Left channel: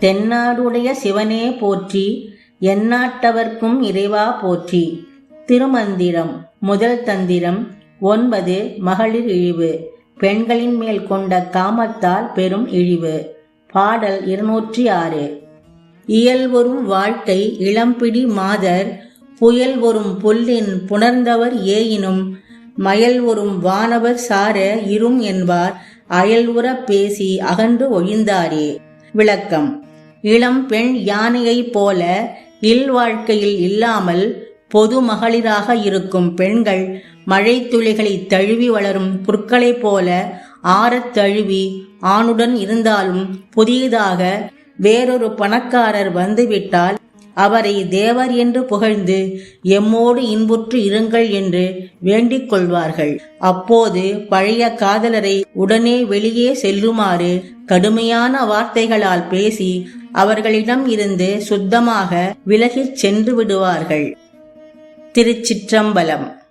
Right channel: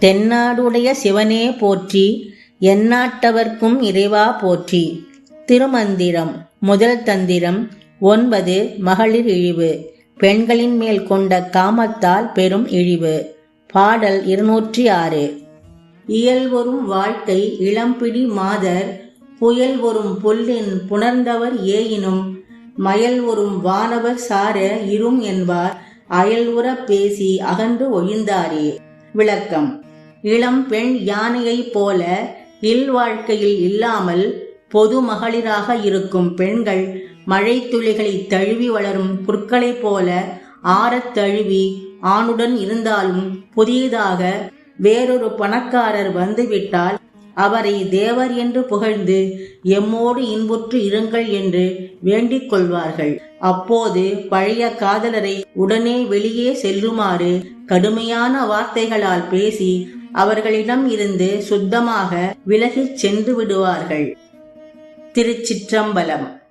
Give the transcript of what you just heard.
தென்னாடுடைய சிவனே போற்றி எந்நாட்டவர்க்கும் இறைவா போற்றி. திருமந்திரம் முதல் தந்திரம் ஒன்பது மகளிர் இழிவு. பெண்களின் மேல் கொண்ட காமத்தால் பெரும் இழிவு. பாடல் இருநூற்றி ஆறு. இயல் வரும் வாழ்க்கை இளம்பிடி மாதர் புயல் வரும் புல்லின் புணர்ந்தவர் ஏயினும் மயல் வரும் வானவர் சார இரும் என்பார் அயல்வுற பேசி அகன்று ஒழிந்தாரே. விளக்கம். இளம் பெண் யானையைப் போல இல்வாழ்க்கையில் இல்லாமல் பொது மகளிராக இருக்கும் பெண்கள் மழைத்துளிகளை தழுவி வளரும் புற்களைப் போல ஆறத் தழுவி ஆணுடன் இருந்தாலும் புதியதாக வேறொரு பணக்காரர் வந்துவிட்டால் அவரை தேவர் என்று புகழ்ந்து எம்மோடு இன்புற்று இருங்கள் என்று வேண்டிக் கொள்வார்கள். அப்போது பழைய காதலரை உடனே வெளியே செல்லுமாறு கடுமையான வார்த்தைகளால் பேசி அவர்களிடம் இருந்து சுத்தமாக விலகிச் சென்று விடுவார்கள். திருச்சிற்றம்பலம்.